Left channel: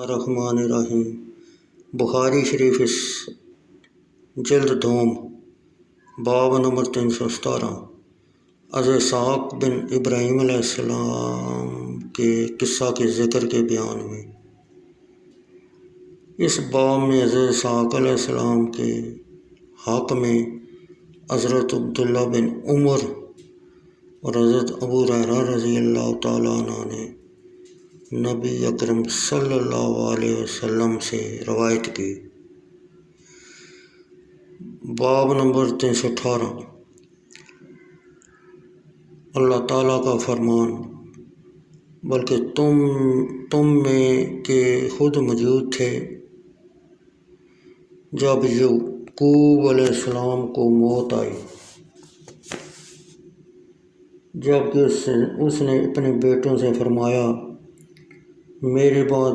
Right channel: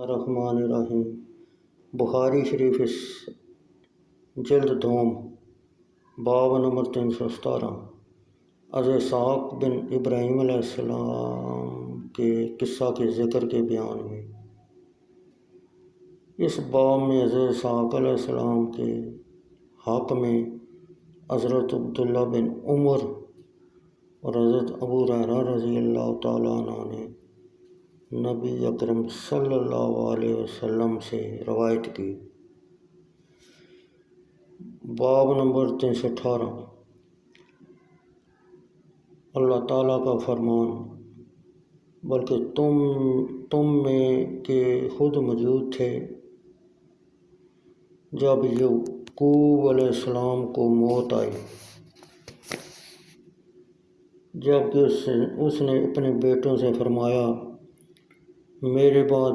الرحمن الرحیم۔ بخاری شریف جلد دوم، باب نمبر 317، از اسحاق بن ابراہیم علیہ السلام کے قصہ کے ذکر کے بیان میں۔ اس باب میں حضرت اسحاق علیہ السلام کے حق میں حضرت عبداللہ بن عمر اور حضرت ابو ہریرہ رضی اللہ تعالیٰ عنہ نے نبی اکرم صلی اللہ علیہ وسلم سے روایت کی۔ باب نمبر 318، اللہ تعالیٰ کا فرمان، بلکہ تم میں کے خود موجود تھے جب یعقوب علیہ السلام کو موت آئی، جبکہ اس نے اپنے بیٹوں سے فرمایا، میرے بعد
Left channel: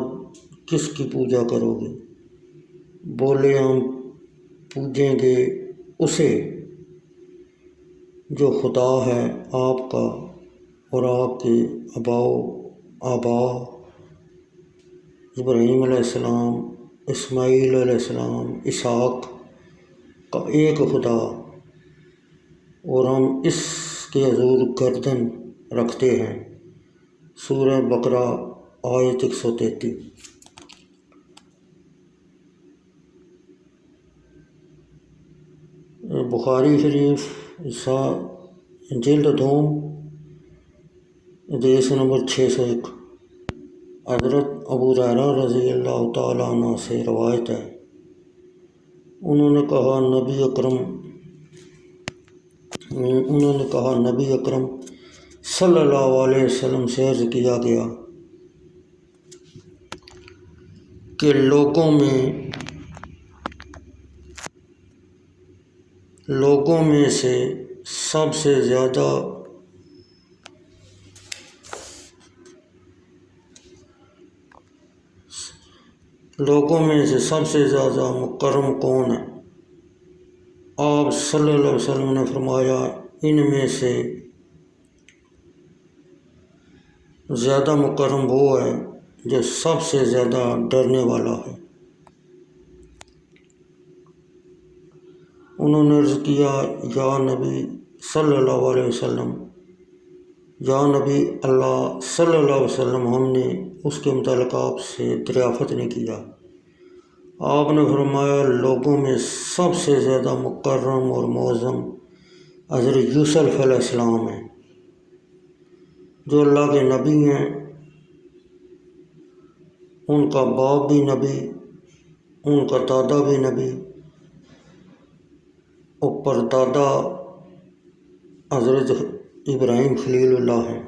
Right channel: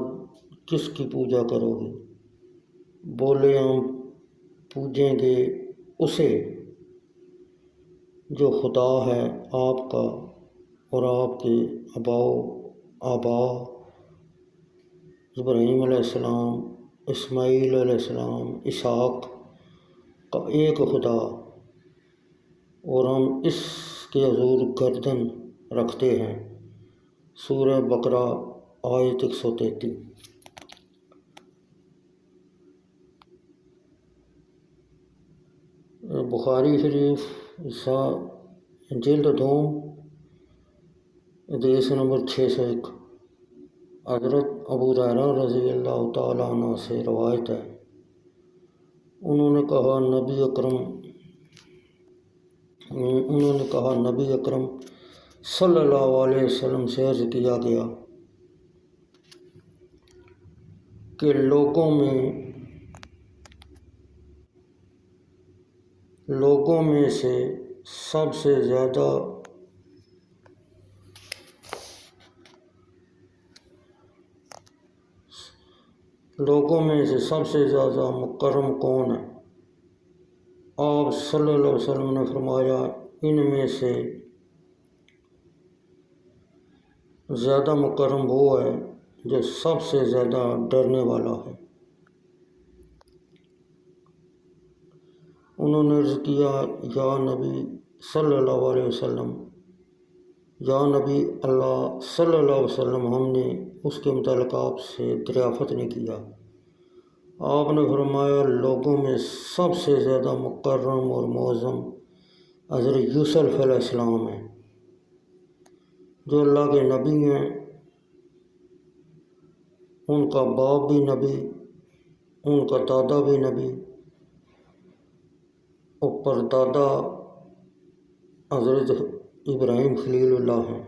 کس کی پوجا کرو گے؟ بولے، ہم پوجیں گے اسے جو خدا ہے آپ کا اور آپ کے آبا ابراہیم علیہ السلام، اسماعیل علیہ السلام، اسحاق کا ایک خدا، اور ہم اس کے حضور گردن رکھتے ہیں۔ سورہ بقرہ آیت 133۔ بخاری شریف جلد دوم، حدیث نمبر 601، حضرت ابو ہریرہ رضی اللہ تعالیٰ عنہ سے روایت ہے، انہوں نے کہا نبی اکرم صلی اللہ علیہ وسلم سے عرض کیا گیا کہ لوگوں میں سے سب سے زیادہ مکرم کون ہے؟ آپ صلی اللہ علیہ وسلم نے فرمایا، ان میں سے زیادہ مکرم وہ ہے جو سب سے زیادہ ڈرنے والا ہے۔ انہوں نے عرض کیا، یا نبی صلی اللہ علیہ وسلم، یا نبی اللہ صلی اللہ علیہ وسلم، ہم نے اس کے متعلق آپ سے دریافت نہیں کیا۔ آپ نے فرمایا، لوگوں میں سب سے زیادہ مکرم اور معظم حضرت یوسف علیہ السلام ہیں، جو اللہ کے نبی ہیں، ان کا باپ بھی نبی، ان کا دادا بھی نبی، اور پردادا حضرت ابراہیم خلیل اللہ ہیں۔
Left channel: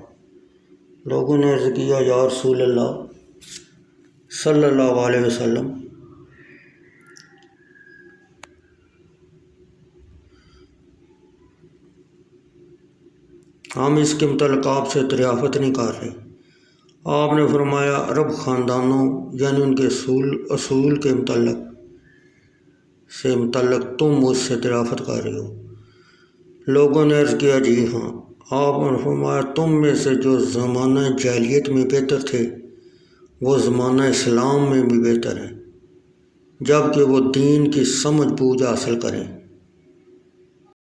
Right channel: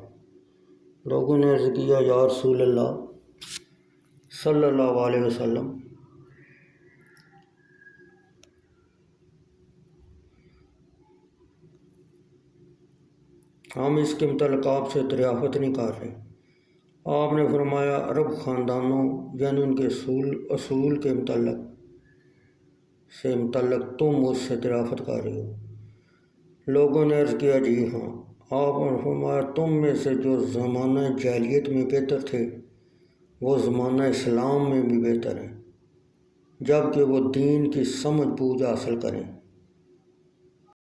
لوگوں نے عرض کیا، یا رسول اللہ صلی اللہ علیہ وسلم، ہم اس کے متعلق آپ سے دریافت نہیں کر رہے۔ آپ نے فرمایا، عرب خاندانوں یعنی ان کے اصول کے متعلق تم مجھ سے دریافت کر رہے ہو۔ لوگوں نے عرض کیا، جی ہاں۔ آپ نے فرمایا، تم میں سے جو زمانہ جاہلیت میں بہتر تھے وہ زمانہ اسلام میں بھی بہتر ہے، جبکہ وہ دین کی سمجھ بوجھ حاصل کریں۔